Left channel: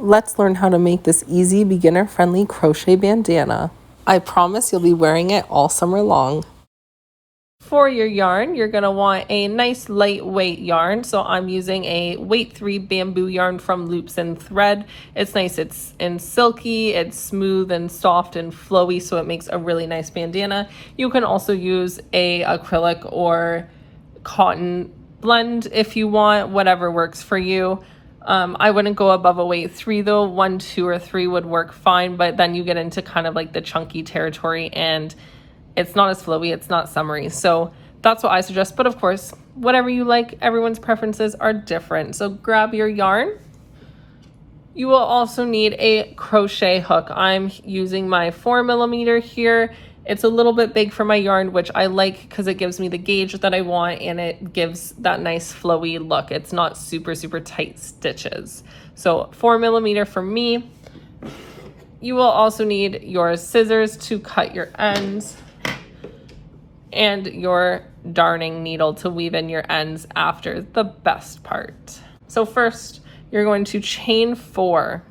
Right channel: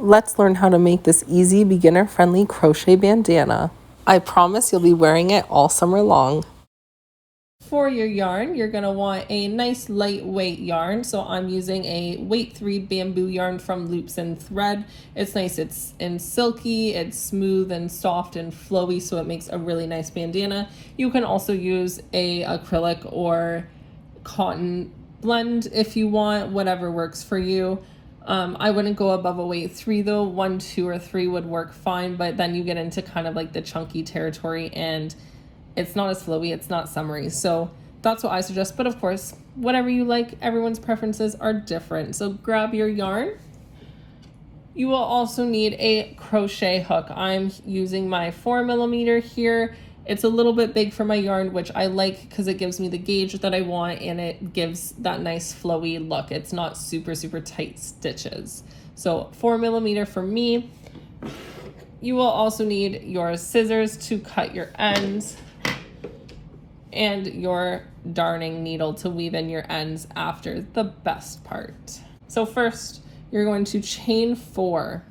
Let's learn how to make this easy, beginner-friendly crochet bandana. I promise you'll be wearing it all summer long. For your yarn, you're going to want a nice lightweight yarn. So I'm using a weight 3 bamboo yarn from Loops and Thread. It's nice, it's silky, it's smooth and soft and flowy, so it makes a really nice bandana. You can also use a acrylic or cotton blend if you want, whatever works for you. I wouldn't go above a weight 3 though. 1, 2, or 3 would work fine, but then you get into kind of like the chunky territory and it's not as flowy, it's not summery. So that's what I suggest. But of course, whatever you like, everyone's preferences are different. So grab your yarn. You will also need a crochet hook. I'm using my 4mm here. It's a little bit big for my yarn, which I like because it gives me the gauge that I want and it gives that nice flowy look. It's not super, super tight stitches. So 4mm for me. You will also need your scissors to cut your ends and your darning needle to weave in your ends after the best part. So first, you're going to chain 4.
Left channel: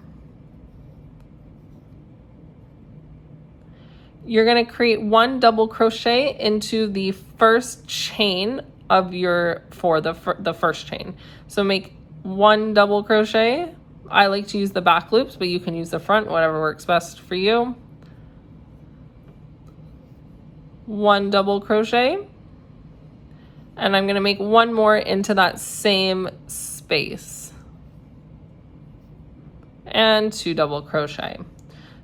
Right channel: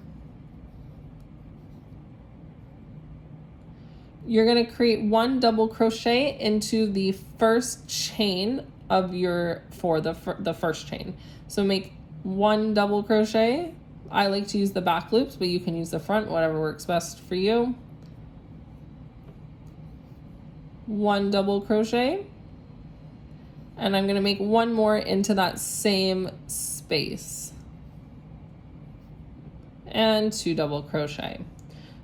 You're going to create 1 double crochet into the first chain of your the first chain. So make 1 double crochet. I like to use the back loops, but you can use the front, whatever works best for you. 1 double crochet, and I'm going to make 1 more into that same space, and 2 double crochet.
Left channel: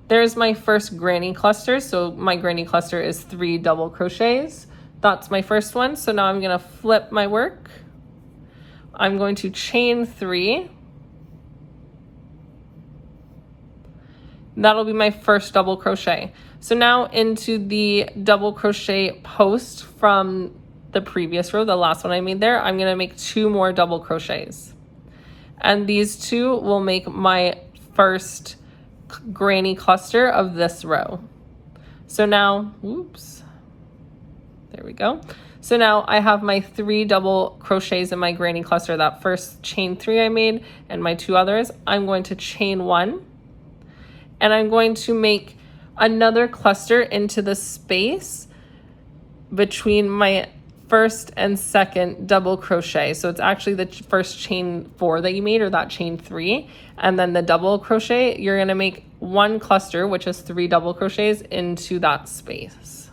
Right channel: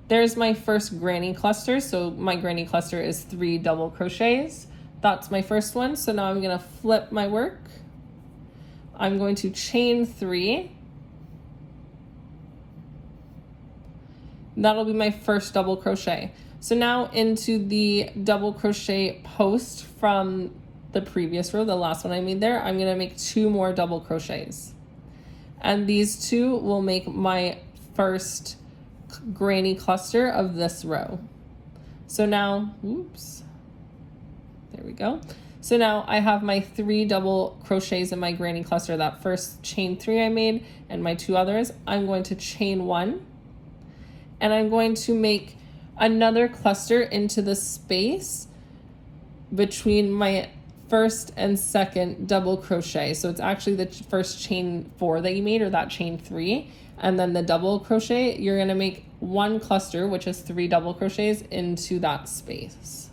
There's my first granny cluster. So my granny cluster is 3 double crochets. That's my first one. So now I'm going to flip my work. I'm going to chain 3. That'll be my first double crochet. So now into the double crochet post from the previous row, the last one I made there, I'm going to make 2 more double crochets. And these 2 will make my first granny cluster of this row. So now, oops, there we go. So now I have my 3 double crochets in my granny cluster, that first chain 3 I made and my 2 others. I'm going to chain 1 and I'm going to make another cluster into the space between my first and second double crochet. So it's actually the first chain 4 that you made, or that chain 3, and then the double crochet. You're going to make 1 cluster, which is 3 double crochets, into that space.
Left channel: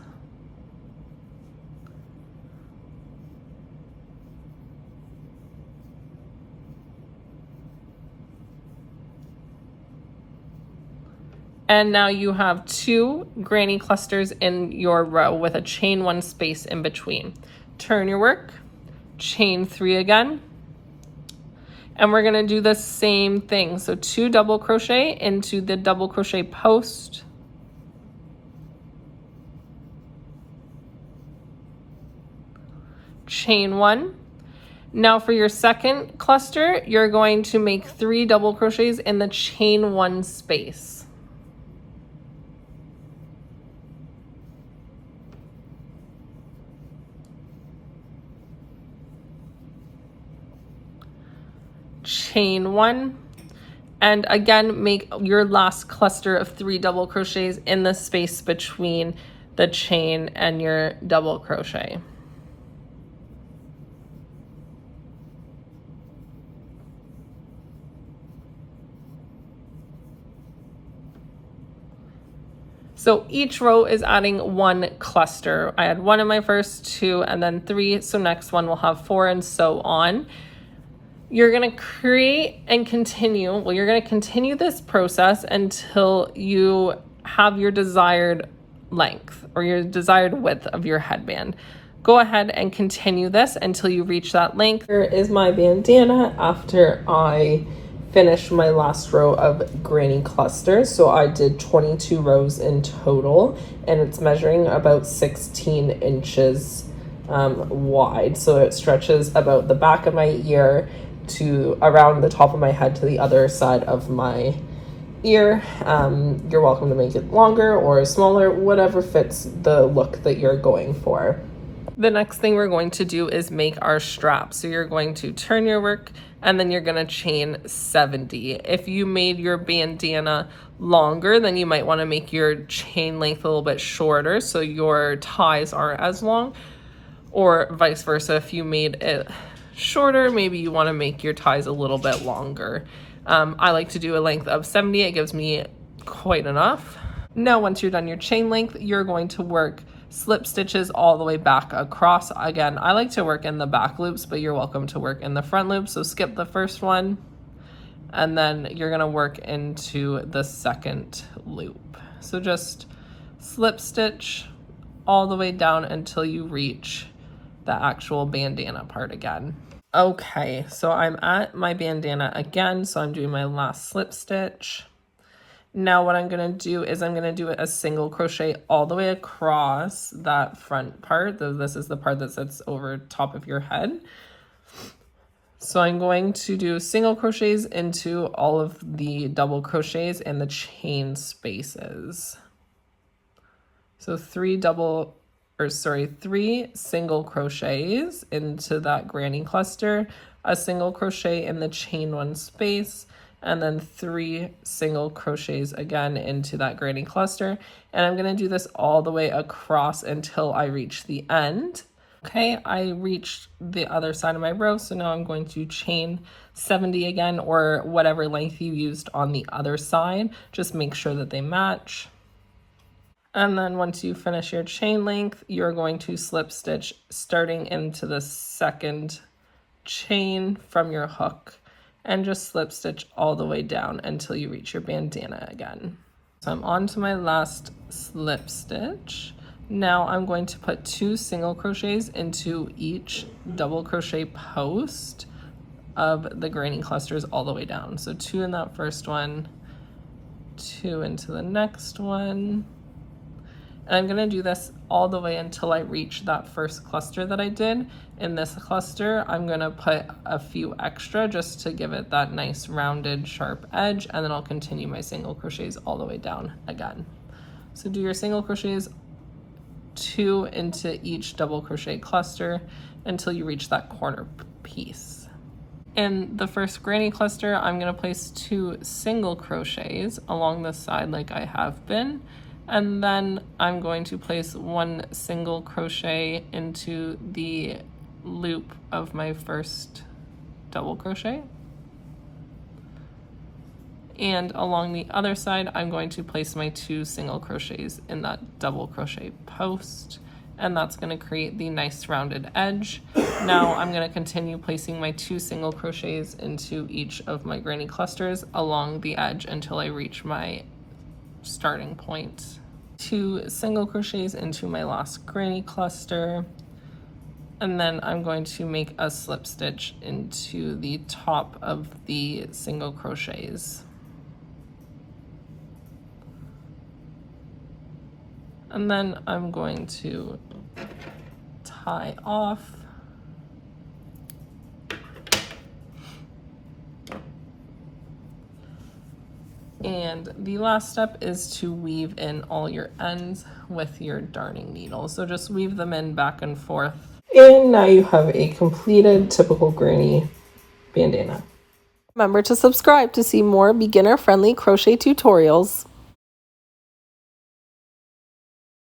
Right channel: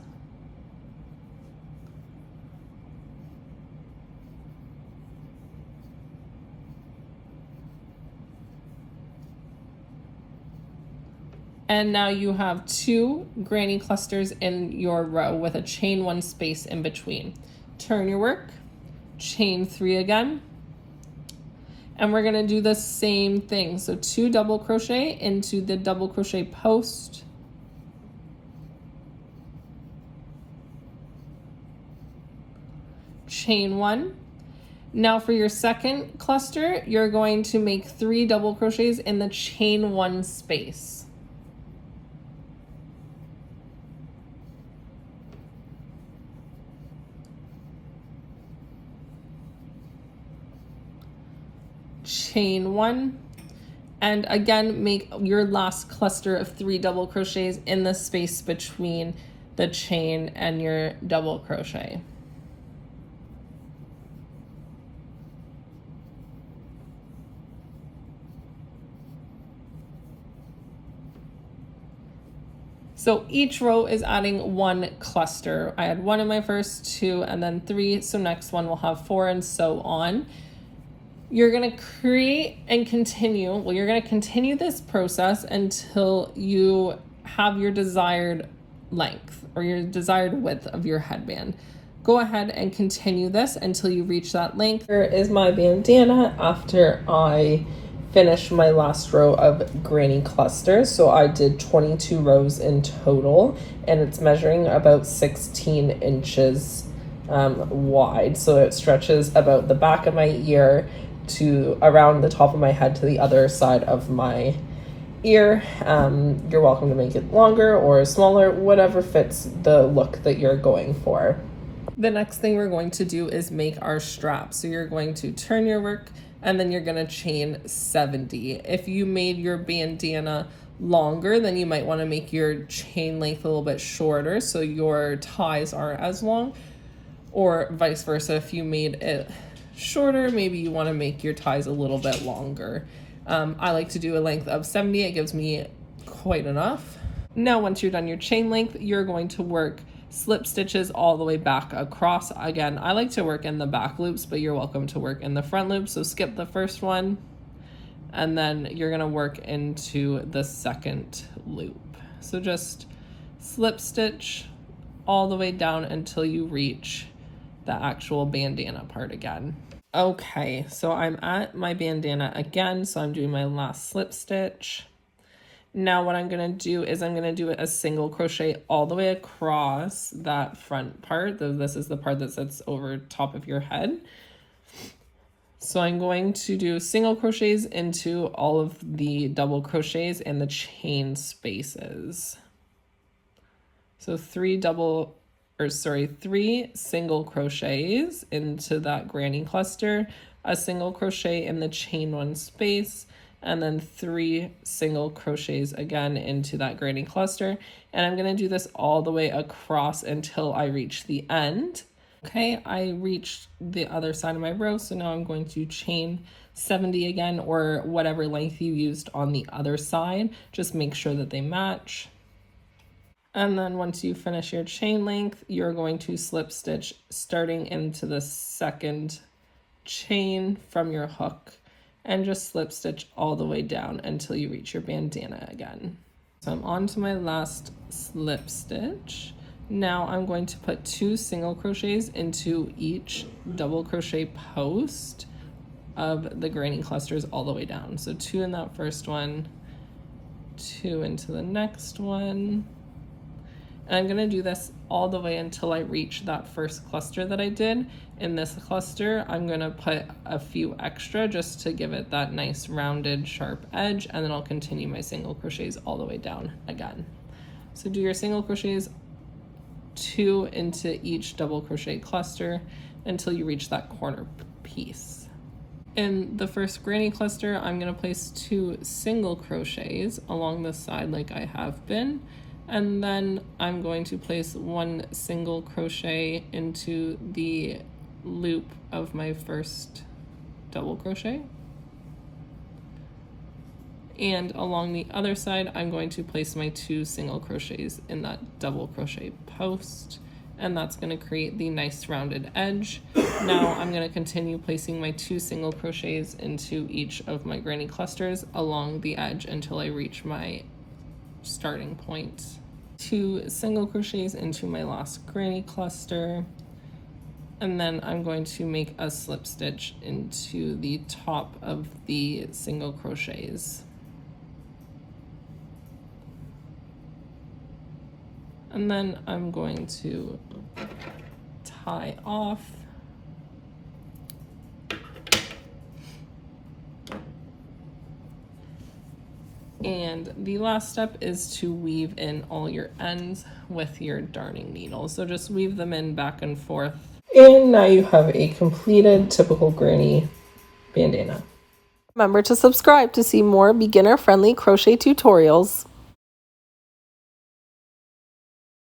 And now you have 2 granny clusters in your row with a chain 1 space in between. Turn your work, chain 3 again, and we're gonna do the same thing. So 2 double crochet into the double crochet post, chain 1. Now for your second cluster, you're going to make 3 double crochets in the chain 1 space. Chain 1, and again make your last cluster of 3 double crochets in the space between the chain and your double crochet. So each row is adding 1 cluster. I had 1 in my first, 2, and then 3. So next one will have 4, and so on. You're going to create and continue. Well, you're going to continue this process until you have your desired length or your desired width of your headband. Go ahead and continue this until you reach that length. Here is my bandana after I finished my last row of granny clusters. So I did 22 rows in total, and it's measuring about 16 inches wide. So it stretches about the back of my ear to around the top of my head to the other side of my ear. You're welcome to make it longer or smaller, whatever fits the look that you're going for. The next thing we're going to do is make our strap. So you're going to turn your work and then you're going to chain 70. If you made your bandana longer, then you might want to make your chain length a little bit shorter so your ties aren't as long, or vice versa. If you made it shorter, maybe you want to make your ties a little bit longer. I like to do a length of 70. It gives me quite enough. Now, once you're done your chain length, you're going to work slip stitches all the way back across. Again, I like to work in the back loops, but you're welcome to work in the front loops. So skip the first one, and then you're gonna work into the second loop. So just slip stitch all the way down until you reach the actual bandana part again. Okay, so I'm at my bandana again, so I'm doing my last slip stitch. Now what I'm going to do is I'm going to do a single crochet all the way across that front part. This is the part that sits over top of your head. So I'm going to do single crochets into all of the double crochets in the chain spaces. So three single crochets into that granny cluster, a single crochet in the chain one space, and then 3 single crochets again into that granny cluster. And I'm going to do this all the way across until I reach the end. Okay, I reached the other side of my row, so now I'm going to chain 70 again, or whatever length you used on the other side. Just make sure that they match. And then once you finish your chain length, you're going to slip stitch starting into the second chain from your hook, and just slip stitch all the way down until you reach your bandana again. So I'm on to my last slip stitch. Now I'm going to put 2 single crochets into each double crochet post of the granny clusters all the way down. So 2 in that first one, 2 into the next one. And I'm gonna do this all the way until I reach that first cluster that I did. In this cluster, I'm gonna put a few extra just to give it that nice rounded sharp edge, and then I'll continue my single crochets all the way down again. So do your single crochets 2 into each double crochet cluster until you reach that corner piece. In the first granny cluster, I'm gonna place 2 single crochets along the side like I have been, and then I'm going to place 1 single crochet into the loop of my first double crochet, and along the other side I'm going to place my 2 single crochets in that double crochet post, and that's going to create the nice rounded edge. Now I'm going to continue placing my 2 single crochets into each of my granny clusters along the edge until I reach my starting point. 2 single crochets into my last granny cluster, and then I'm going to make a slip stitch into the top of the single crochets. And then I'm going to tie off. And the last step is to weave in all your ends with your darning needle. So just weave them in back and forth. And now you have a completed typical granny bandana. Remember to subscribe to see more beginner-friendly crochet tutorials.